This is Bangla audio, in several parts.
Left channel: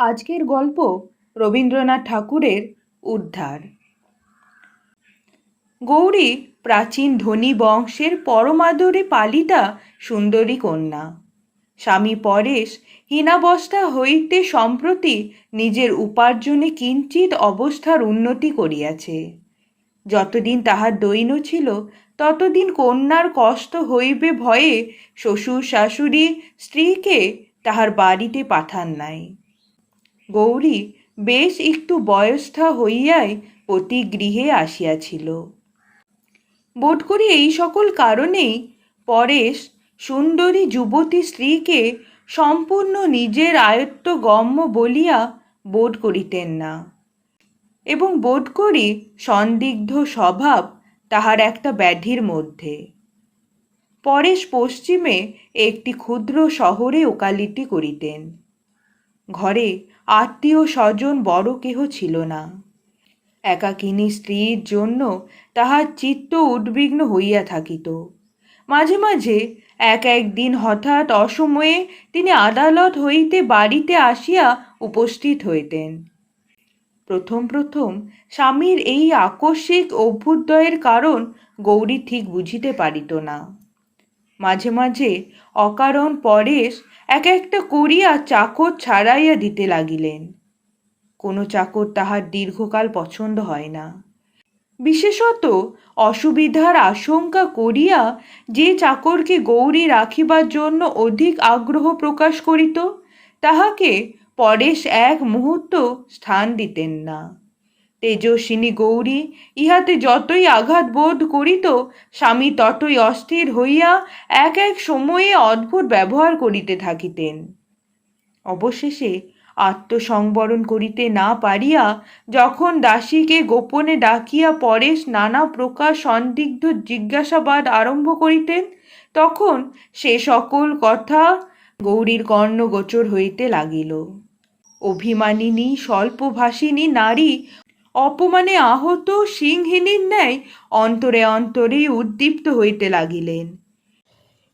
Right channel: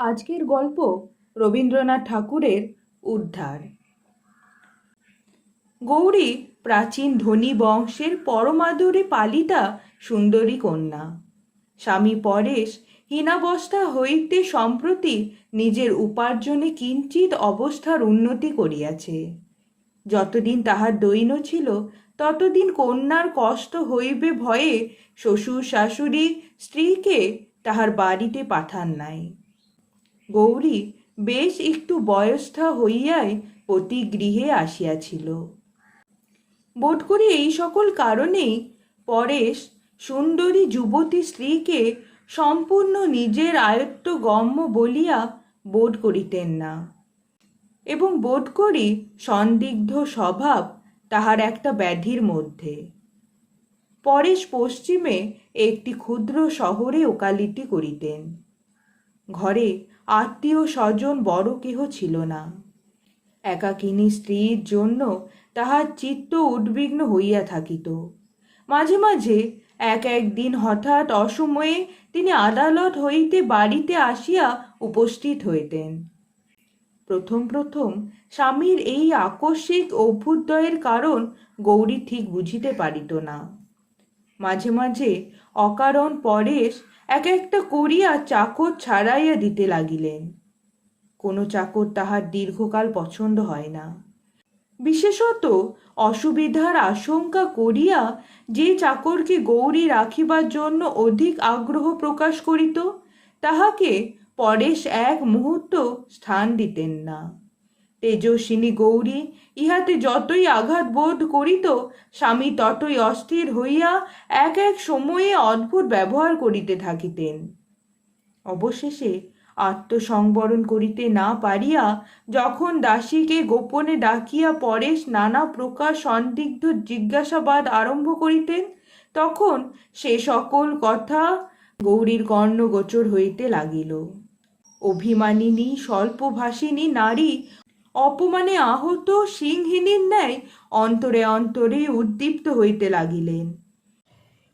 আজকের গল্প রবীন্দ্রনাথ ঠাকুরের উদ্ধার। গৌরী প্রাচীন ধনী বংশের পরমাদরে পালিতা সুন্দরী কন্যা। স্বামী পরেশ হীনাবস্থা হইতে সম্প্রতি নিজের উপার্জনে কিঞ্চিত অবস্থার উন্নতি করিয়াছে। যতদিন তাহার দৈন্য ছিল, ততদিন কন্যার কষ্ট হইবে ভয়ে শ্বশুর শাশুড়ি স্ত্রীকে তাহার বাড়িতে পাঠান নাই। গৌরী বেশ একটু বয়স্থা হইয়াই প্রতি গৃহে আসিয়াছিল। বোধ করি এই সকল কারণেই পরেশ সুন্দরী যুবতী স্ত্রীকে সম্পূর্ণ নিজের আয়ত্ত গম্য বলিয়া বোধ করিতেন না এবং বোধ করি সন্দিগ্ধ স্বভাব তাহার একটা ব্যাধির মধ্যে। পরেশ পশ্চিমে একটি ক্ষুদ্র শহরে ওকালিটি করিতেন। ঘরে আত্মীয় স্বজন বড় কেহ ছিল না। একাকিনী স্ত্রীর জন্য তাহার চিত্ত উদ্বিগ্ন হইয়া থাকিত। মাঝে মাঝে এক একদিন হঠাৎ অসময়ে তিনি আদালত হইতে বাড়িতে আসিয়া উপস্থিত হইতেন। প্রথম প্রথম স্বামীর এই আকস্মিক অভ্যুদয়ের কারণ গৌরী ঠিক বুঝিতে পারিত না। মাঝে মাঝে অকারণ পরেশ এক একটা করিয়া চাকর ছাড়াইয়া দিতে লাগিলেন। কোনো চাকর তাহার দীর্ঘকাল পছন্দ হয় না। বিশেষত অসুবিধার আশঙ্কা করিয়া যে চাকরকে গৌরী রাখিবার জন্য অধিক আগ্রহ প্রকাশ করিত, তাহাকে পরেশ এক মুহূর্ত স্থান দিতেন না। তেজস্বিনী গৌরী, ইহাতে যতই আঘাত বোধ করিত, স্বামী ততই অস্থির হইয়া এক এক সময়ে অদ্ভুত ব্যবহার করিতে থাকিতেন। অবশেষে আত্মসংবরণ করিতে না পারিয়া যখন দাসীকে গোপনে ডাকিয়া পরেশ নানা প্রকার সন্দিগ্ধ জিজ্ঞাসাবাদ আরম্ভ করিতেন, তখন সে সকল কথা গৌরীর কর্ণগোচর হইতে লাগিল। অভিমানিনী, স্বল্পভাষিনী নারী অপমানে আহত সিংহিনীর ন্যায় অন্তরে অন্তরে উদ্দীপ্ত হইতে লাগিলেন।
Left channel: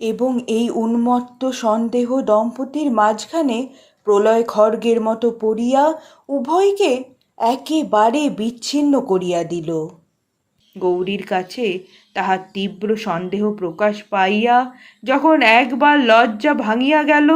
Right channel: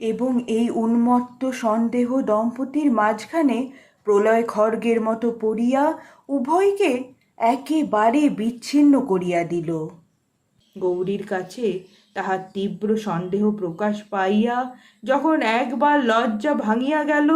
এবং এই উন্মত্ত সন্দেহ দম্পতির মাঝখানে প্রলয় খড়গের মতো পড়িয়া উভয়কে একেবারে বিচ্ছিন্ন করিয়া দিল। গৌরীর কাছে তাহার তীব্র সন্দেহ প্রকাশ পাইয়া যখন একবার লজ্জা ভাঙিয়া গেল,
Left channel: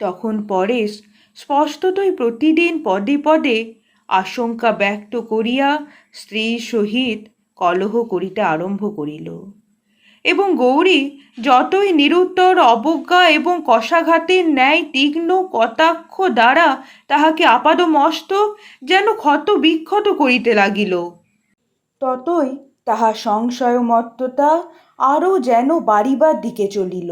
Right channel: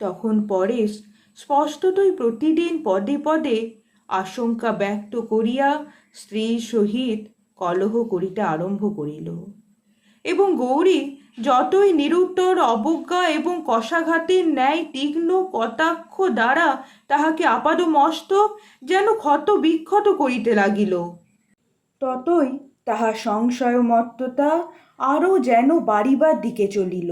তখন পরেশ স্পষ্টতই প্রতিদিন পদে পদে আশঙ্কা ব্যক্ত করিয়া স্ত্রীর সহিত কলহ করিতে আরম্ভ করিল। এবং গৌরী যতই নিরুত্তর, অবজ্ঞা এবং কষাঘাতের ন্যায় তীক্ষ্ণ কটাক্ষ দ্বারা তাহাকে আপাদমস্তক যেন ক্ষত বিক্ষত করিতে লাগিল, ততই তাহার সংশয়মত্ততা আরও যেন বাড়িবার দিকে চলিল।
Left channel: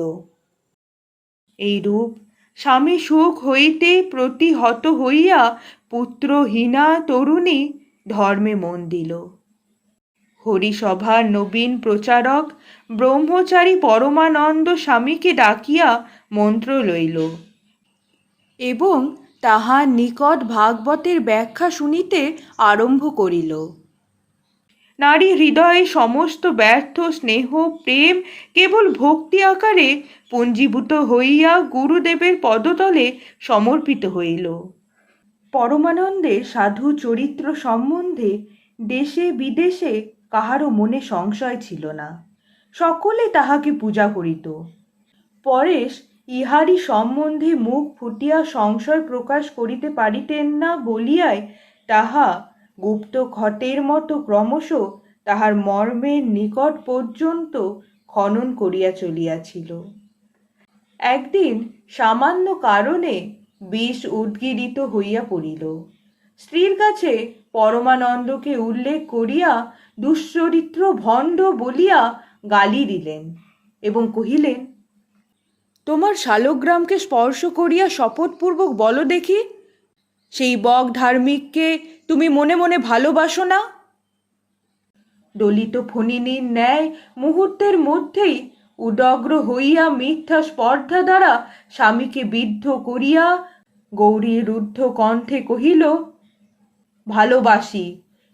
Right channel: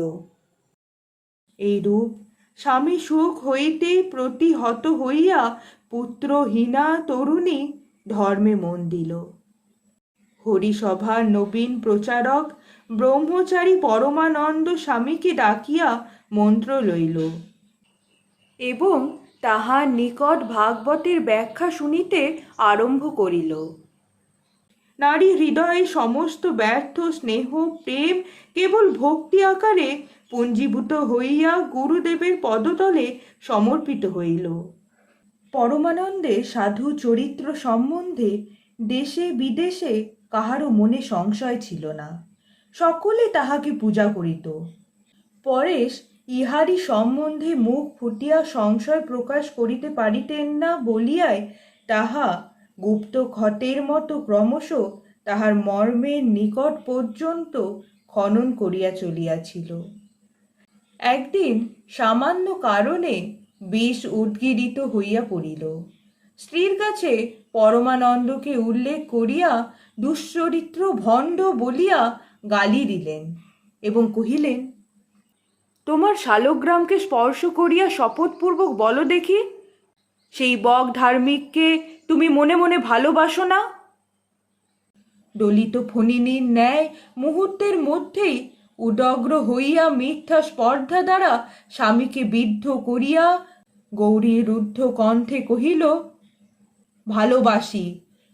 এইরূপ স্বামী সুখ হইতে প্রতিহত হইয়া পুত্রহীনা তরুণী ধর্মে মন দিল। হরিসভার নবীন প্রচারক, ব্রহ্মচারী পরমানন্দ স্বামীকে ডাকিয়া মন্ত্র লইল। এবং তাহার নিকট ভাগবতের ব্যাখ্যা শুনিতে আরম্ভ করিল। নারী হৃদয়ে সমস্ত ব্যর্থ স্নেহ, প্রেম, কেবল ভক্তি আকারে পুঞ্জীভূত হইয়া গুরুদেবের পদতলে সমর্পিত হইল। পরমানন্দে সাধু চরিত্র সম্বন্ধে দেশে বিদেশে কাহারও মনে সংশয় ছিল না। সকলে তাহাকে পূজা করিত। পরেশ ইহারি সম্বন্ধে মুখ ফুটিয়া সংশয় প্রকাশ করিতে পারিতেন না বলিয়ায় তাহা গুপ্ত ক্ষতের মতো ক্রমশ তাহার মর্মের নিকট পর্যন্ত খনন করিয়া চলিয়াছিল। একদিন সামান্য কারণে বিষ উদ্গীরিত হইয়া পড়িল। স্ত্রীর কাছে পরমানন্দকে উল্লেখ করিয়া দুশ্চরিত্র ভণ্ড বলিয়া গালি দিলেন এবং কহিলেন, তোমার শালগ্রামকে স্পর্শ করিয়া শপথপূর্বক বলো দেখি, সেই বক ধার্মিককে তুমি মনে মনে ভালোবাসো না? দলিত ফণিনীর ন্যায় মুহূর্তের মধ্যেই উদগ্র হইয়া মিথ্যা স্পর্ধা দ্বারা স্বামীকে বিদ্ধ করিয়া গৌরী রুদ্ধ কণ্ঠে কহিল, ভালোবাসি,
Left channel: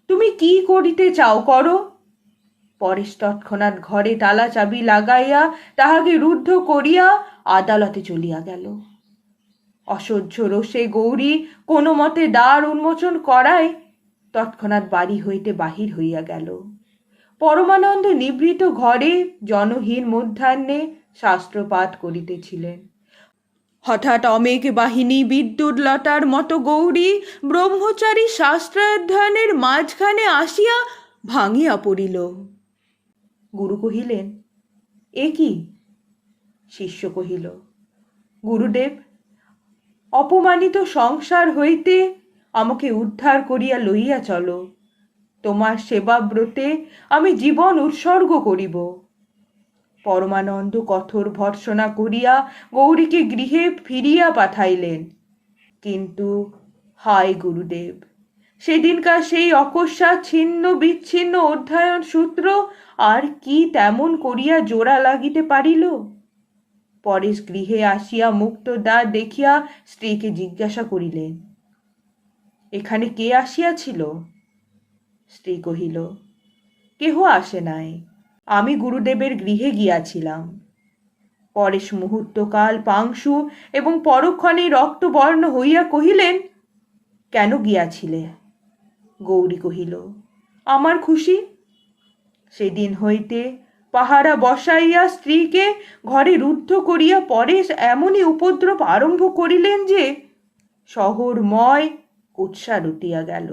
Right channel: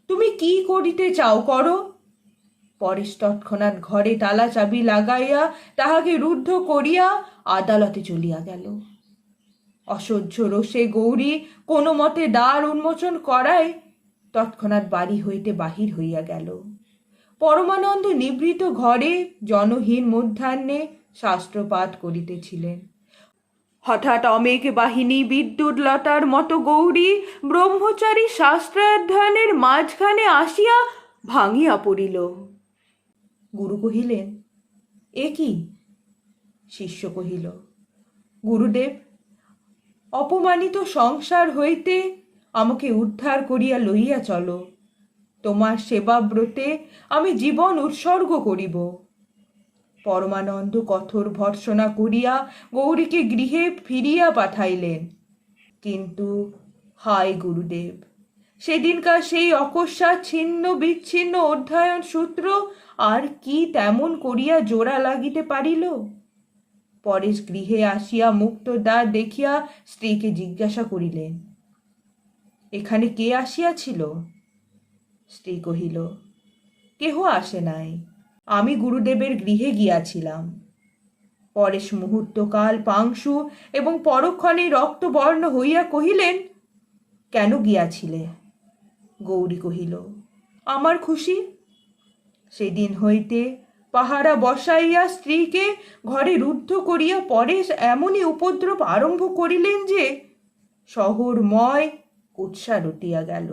তুমি কি করিতে চাও করো? পরেশ তৎক্ষণাৎ ঘরে তালা চাবি লাগাইয়া তাহাকে রুদ্ধ করিয়া আদালতে চলিয়া গেল। অসহ্য রোষে গৌরী কোনো মতে দ্বার উন্মোচন করায় তৎক্ষণাৎ বাড়ি হইতে বাহির হইয়া গেল। পরমানন্দ নিবৃত ঘরে জনহীন মধ্যাহ্নে শাস্ত্রপাঠ করিতেছিলেন। হঠাৎ অমেঘ বাহিনী বিদ্যুৎ লতার মতো গৌরী ব্রহ্মচারী শাস্ত্রাধ্যয়নের মাঝখানে আসিয়া ভাঙিয়া পড়িল। গুরু কহিলেন, এ কি? শিষ্য কহিল, গুরুদেব অপমানিত সংসার হইতে আমাকে উদ্ধার করিয়া লইয়া চলো। তোমার সেবাব্রতে আমি জীবন উৎসর্গ করিব। পরমানন্দ কঠোর ভর্সনা করিয়া গৌরীকে গৃহে ফিরিয়া পাঠাইলেন। কিন্তু, হায় গুরুদেব, সেদিনকার সেই অকস্মাৎ ছিন্ন বিচ্ছিন্ন অধ্যয়ন সূত্র আর কি তেমন করিয়া জোড়া লাগিতে পারিল? পরেশ গৃহে আসিয়া মুক্ত দেখিয়া স্ত্রীকে জিজ্ঞাসা করিলেন, এখানে কে আসিয়াছিল? স্ত্রী কহিল, কেহ আসে নাই। আমি গুরুদেবের গৃহে গিয়াছিলাম। পরেশ মুহূর্তকাল পাংশু এবং পরক্ষণে রক্তবর্ণ হইয়া কহিলেন, কেন গিয়াছিলে? গৌরী কহিল, আমার খুশি। সেদিন হইতে পাহারা বসাইয়া স্ত্রীকে ঘরে রুদ্ধ করিয়া পরেশ এমনই উপদ্রব আরম্ভ করিলেন যে শহরময় কুৎসা রুটিয়া গেল।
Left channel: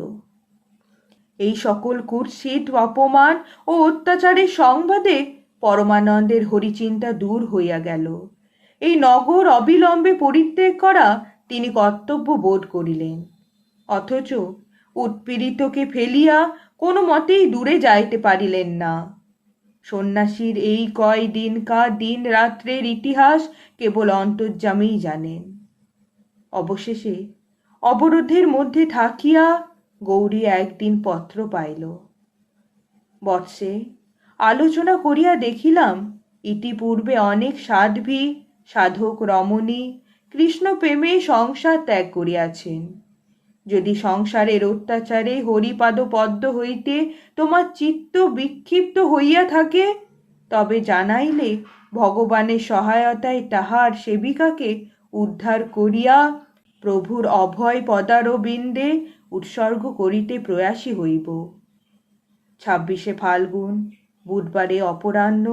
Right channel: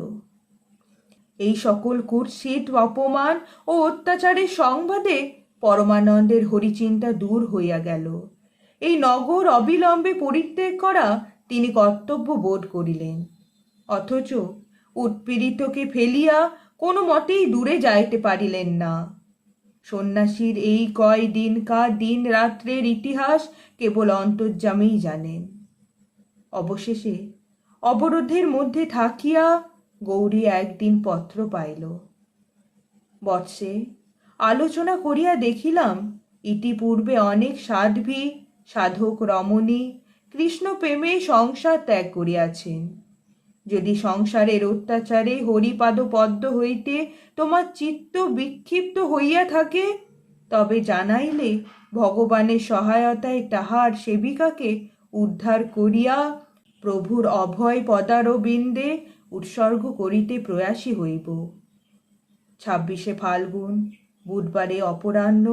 এই সকল কুৎসিত অপমান ও অত্যাচারের সংবাদে পরমানন্দের হরিচিন্তা দূর হইয়া গেল। এই নগর অবিলম্বে পরিত্যাগ করা তিনি কর্তব্য বোধ করিলেন। অথচ উৎপীড়িতকে ফেলিয়া কোনো মতেই দূরে যাইতে পারিলেন না। সন্ন্যাসীর এই কয় দিনকার দিন রাত্রের ইতিহাস কেবল অন্তর্যামেই জানেন। অবশেষে অবরোধের মধ্যে থাকিয়া গৌরী একদিন পত্র পাইল। বৎসে আলোচনা করিয়া দেখিলাম, ইতিপূর্বে অনেক সাধ্বী, সাধক রমণী কৃষ্ণ প্রেমে সংসার ত্যাগ করিয়াছেন। যদি সংসারের অত্যাচারে হরিপাদ পদ্ম হইতে তোমার চিত্ত বিক্ষিপ্ত হইয়া থাকে, তবে জানাইলে ভগবানের সহায়তায় তাহার সেবিকাকে উদ্ধার করিয়া প্রভুর অভয় পদারবিন্দে উৎসর্গ করিতে প্রয়াসী হইব। ছাব্বিশে ফাল্গুন, বুধবারে অপরাহ্ন,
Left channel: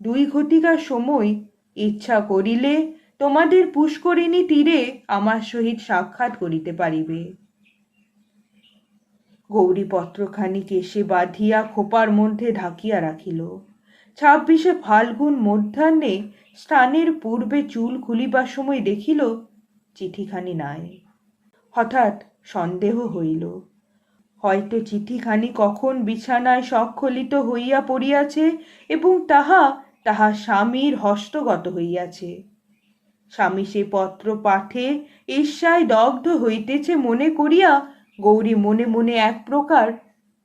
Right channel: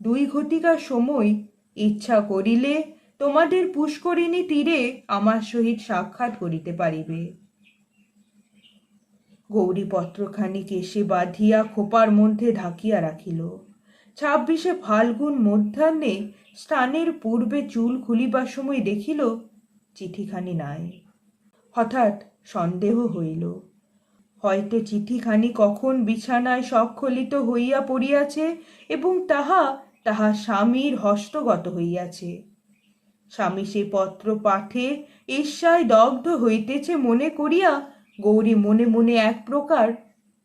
দুই ঘটিকার সময় ইচ্ছা করিলে তোমাদের পুষ্করিণী তীরে আমার সহিত সাক্ষাৎ করিতে পারিবে। গৌরী পত্রখানি কেশে বাঁধিয়া খোপার মধ্যে ঢাকিয়া রাখিল। ছাব্বিশে ফাল্গুন মধ্যাহ্নে স্থানের পূর্বে চুল খুলিবার সময় দেখিল, চিঠিখানি নাই। হঠাৎ সন্দেহ হইল। হয়তো চিঠিখানি কখন বিছানায় স্বক্ষলিত হইয়া পড়িয়াছে এবং তাহা তাহা স্বামীর হস্তগত হইয়াছে। স্বামী সে পত্র পাঠে ঈর্ষায় দগ্ধ হইতেছে মনে করিয়া গৌরী মনে মনে এক প্রকার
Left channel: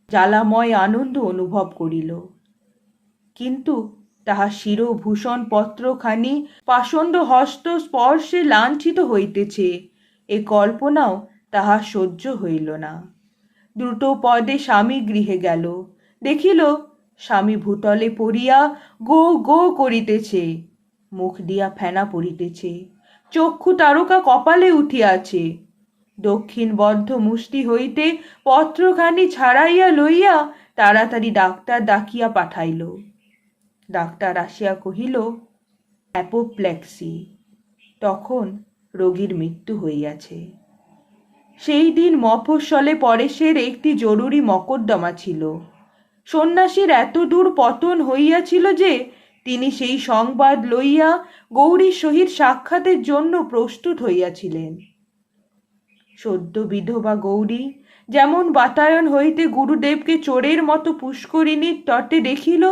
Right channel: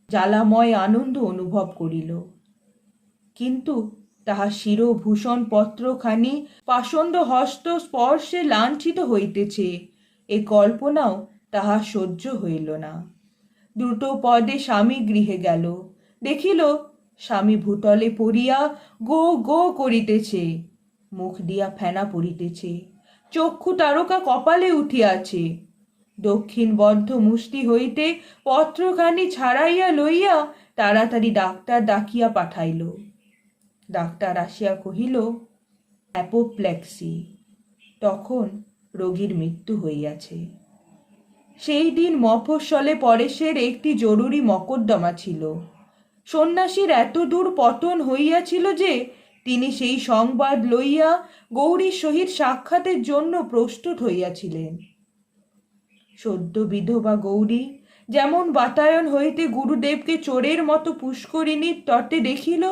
জ্বালাময় আনন্দ অনুভব করিল। কিন্তু তাহা শিরভূষণ পত্রখানি পাষণ্ড হস্ত স্পর্শে লাঞ্ছিত হইতেছে, এ কল্পনাও তাহা সহ্য হইল না। দ্রুত পদে স্বামী গৃহে গেল। দেখিল স্বামী ভূতলে পড়িয়া গো গো করিতেছে, মুখ দিয়া ফেনা পড়িতেছে, চক্ষু তারকা কপালে উঠিয়াছে। দক্ষিণ বদ্ধ মুষ্টি হইতে পত্রখানি ছাড়াইয়া লইয়া তাড়াতাড়ি ডাক্তার ডাকিয়া পাঠাইল। ডাক্তার আসিয়া কহিল, অ্যাপোপ্লেক্সি। তখন রোগীর মৃত্যু হইয়াছে। সেই দিন মফস্বলে পরেশের একটি জরুরি মকদ্দমা ছিল। সন্ন্যাসীর এত দূর পতন হইয়াছিল যে তিনি সেই সংবাদ লইয়া গৌরীর সহিত সাক্ষাতের জন্য প্রস্তুত হইয়াছিলেন। সদ্য বিধবা গৌরী। যেমন বাতায়ন হইতে গুরুদেবকে চোরের মতো পুষ্করিণীর তটে দেখিল,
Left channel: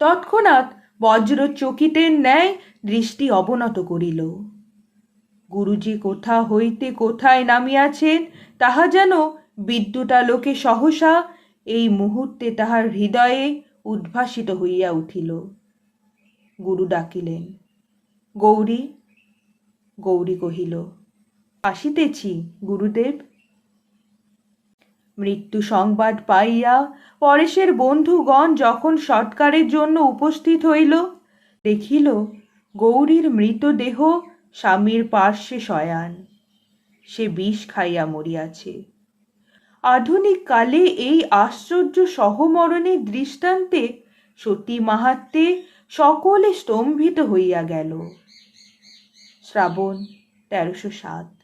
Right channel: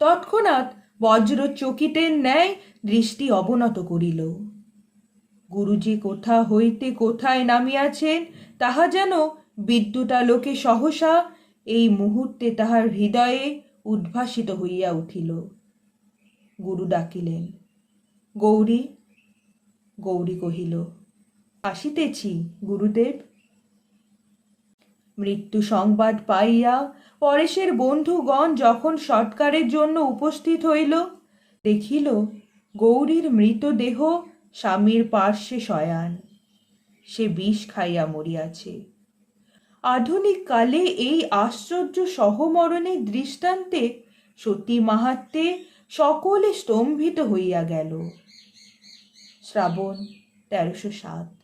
তৎক্ষণাৎ বজ্র চকিতের ন্যায় দৃষ্টি অবনত করিল। গুরুজি কোথা হইতে কোথায় নামিয়াছেন, তাহা যেন বিদ্যুতালোকে সহসা এই মুহূর্তে তাহার হৃদয়ে উদ্ভাসিত হইয়া উঠিল। গুরু ডাকিলেন, গৌরী গৌরী কহিল আসিতেছি, গুরুদেব। মৃত্যু সংবাদ পাইয়া পরেশের বন্ধুগণ যখন সৎকারের জন্য উপস্থিত হইল, দেখিল গৌরীর মৃতদেহ স্বামীর পার্শ্বে শয়ান। সে বিষ খাইয়া মরিয়াছে। আধুনিক কালে এই আশ্চর্য সহমরণের দৃষ্টান্তে সতী মাহাত্মে সকলে স্তম্ভিত হইয়া গেল। শ্রাবণ তেরোশো সাত।